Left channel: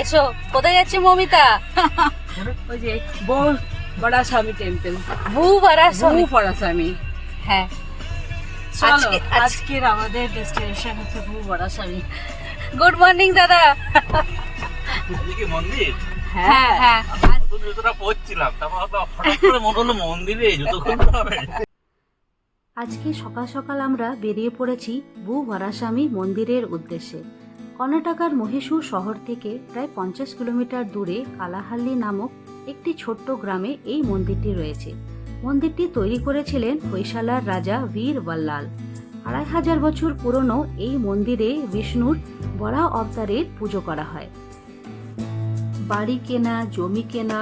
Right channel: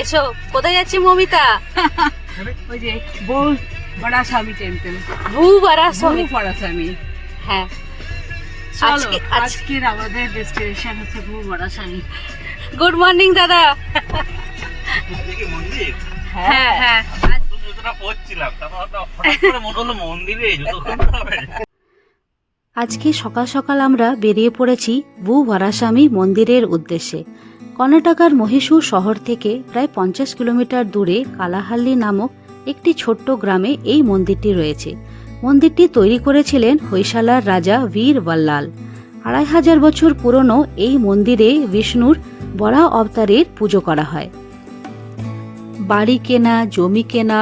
এসো, কোথায় যাচ্ছি মমিতা? ওই যে বউ বড়াস্বামী টেম্পল, ভূবরাস্বামী। বড়াস্বামী। হ্যাঁ, আজকের আমাদের ডেস্টিনেশন হচ্ছে বড়াস্বামী। গুড মর্নিং দাদা। এদিকে মন্দির হ্যাঁ হ্যাঁ, জুতোটা পরছিলাম, তারপর হঠাৎ করে মনে হলো মন্দিরে জুতো খুলতে হবে। আজকে সকাল সকাল আমরা বেরিয়ে পড়েছি ভূবরাস্বামী মন্দিরের উদ্দেশ্যে। কর্ণাটকার মহীশূর শহর থেকে প্রায় 50 কিলোমিটার দূরে কালাহাল্লি নামক একটি ছোট্ট গ্রামে এই মন্দিরটি রয়েছে। মন্দিরটি তৈরি করেছিলেন হৈশালার রাজা বীর বল্লাল। 2500 বছর পুরনো এই মন্দিরে বিষ্ণুর বরাহ অবতারের পুজো করা হয়। বাড়ি কেনা, জমি কেনা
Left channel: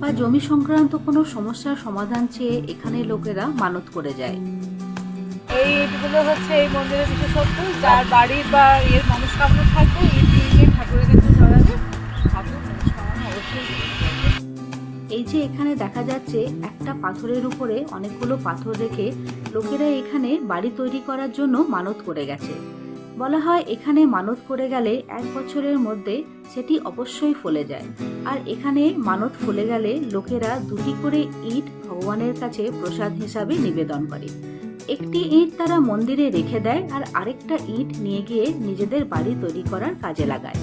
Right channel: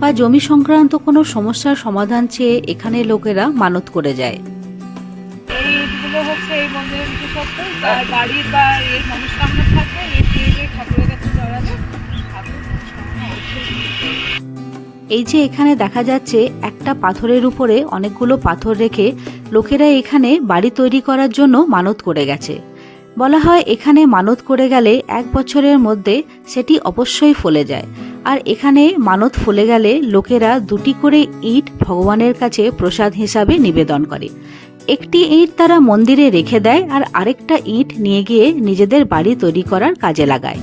বা জমি সংক্রান্ত কোনো সমস্যার সমাধান চেয়ে এখানে লোকেরা মানত করে যায়। এইগুলো হচ্ছে এই মন্দিরের বিশেষত্ব। যার বাড়ির বা এর মনস্কামনা থাকবে এই দিয়ে ঠাকুরের কাছে জড়ালে ঠাকুর মনস্কামনা অবশ্যই পূরণ করবে। এই যে এখানে দেখা যাচ্ছে একটা পাথরের উপরে অনেকগুলো পাথর রেখে লোকেরা এখানে বাড়ি তৈরি করার জন্য মানত করে গেছে। বলা হয় এখানে মানত করে গেলে 1 বছরের মধ্যে সেটি অবশ্যই ফলে যায়। আর এখানে মানত ফলে গেলে লোকেরা 2টি করে ইট ভগবানের কাছে প্রসাদ হিসাবে নিবেদন করে। একটি ইট তারা মন্দিরে রেখে দেয় আর আরেকটা ইট নিয়ে গিয়ে নিজেদের বাড়ি তৈরি করার কাজে লাগায়।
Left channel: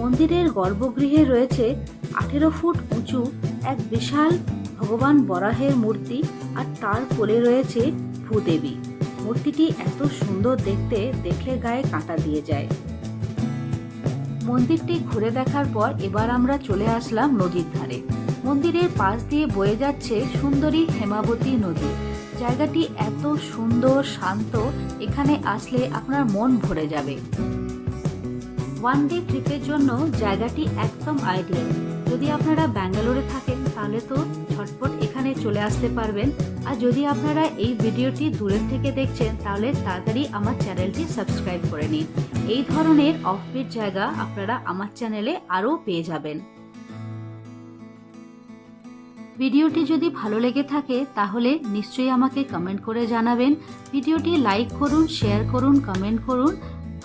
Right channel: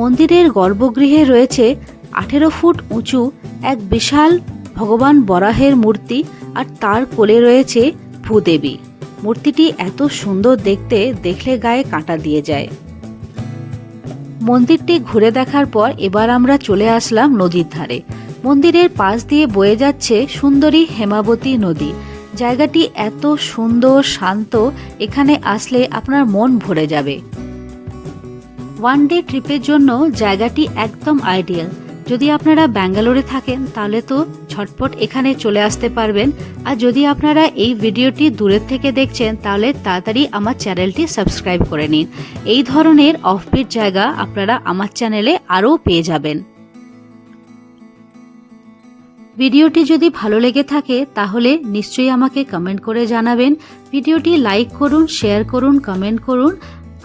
মন্দিরের গর্ভগৃহে রয়েছে 18 ফুট উঁচু এক বিশাল ভগবান বরাহের মূর্তি, আর তার কোলে রয়েছে ভূদেবী। মূর্তিটি এত সুন্দর দেখতে, দেখলে গায়ে কাঁটা দিয়ে যায়। মন্দিরটি ঘুরে দেখার পর এবার আমরা চলে আসলাম নদীর ধারে। মন্দিরের পাশ দিয়ে বয়ে যাচ্ছে সুন্দরী হেমাবতী নদী। জায়গাটি এত সুন্দর, শান্ত, এখানে আসলে আপনার মন ভরে যাবে। ওয়ান ডে ট্রিপের জন্য জায়গাটি একদম আইডিয়াল। যদি আপনারা ব্যাঙ্গালোরে থাকেন তাহলে তো ঝটপট এখানে চলে আসতে পারবেন। আর যদি আপনারা এই ভিডিওটি দূরের থেকে দেখছেন তাহলে তাড়াতাড়ি আমার চ্যানেলটি সাবস্ক্রাইব করে নিন। এই ধরনের অফবিট জায়গা আপনারা আমার চ্যানেলে আরও পেয়ে যাবেন। ভিডিওটি যদি ভালো লেগে থাকে তাহলে নিশ্চয়ই আমাকে কমেন্ট করে জানাবেন। ভিডিওটি লাইক করুন, শেয়ার করুন, কমেন্ট করুন।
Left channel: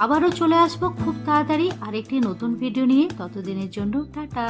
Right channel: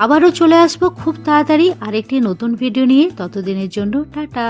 আবারও চলে আসবো খুব তাড়াতাড়ি আরেকটি নতুন ভিডিও নিয়ে। ততদিনের জন্য টাটা।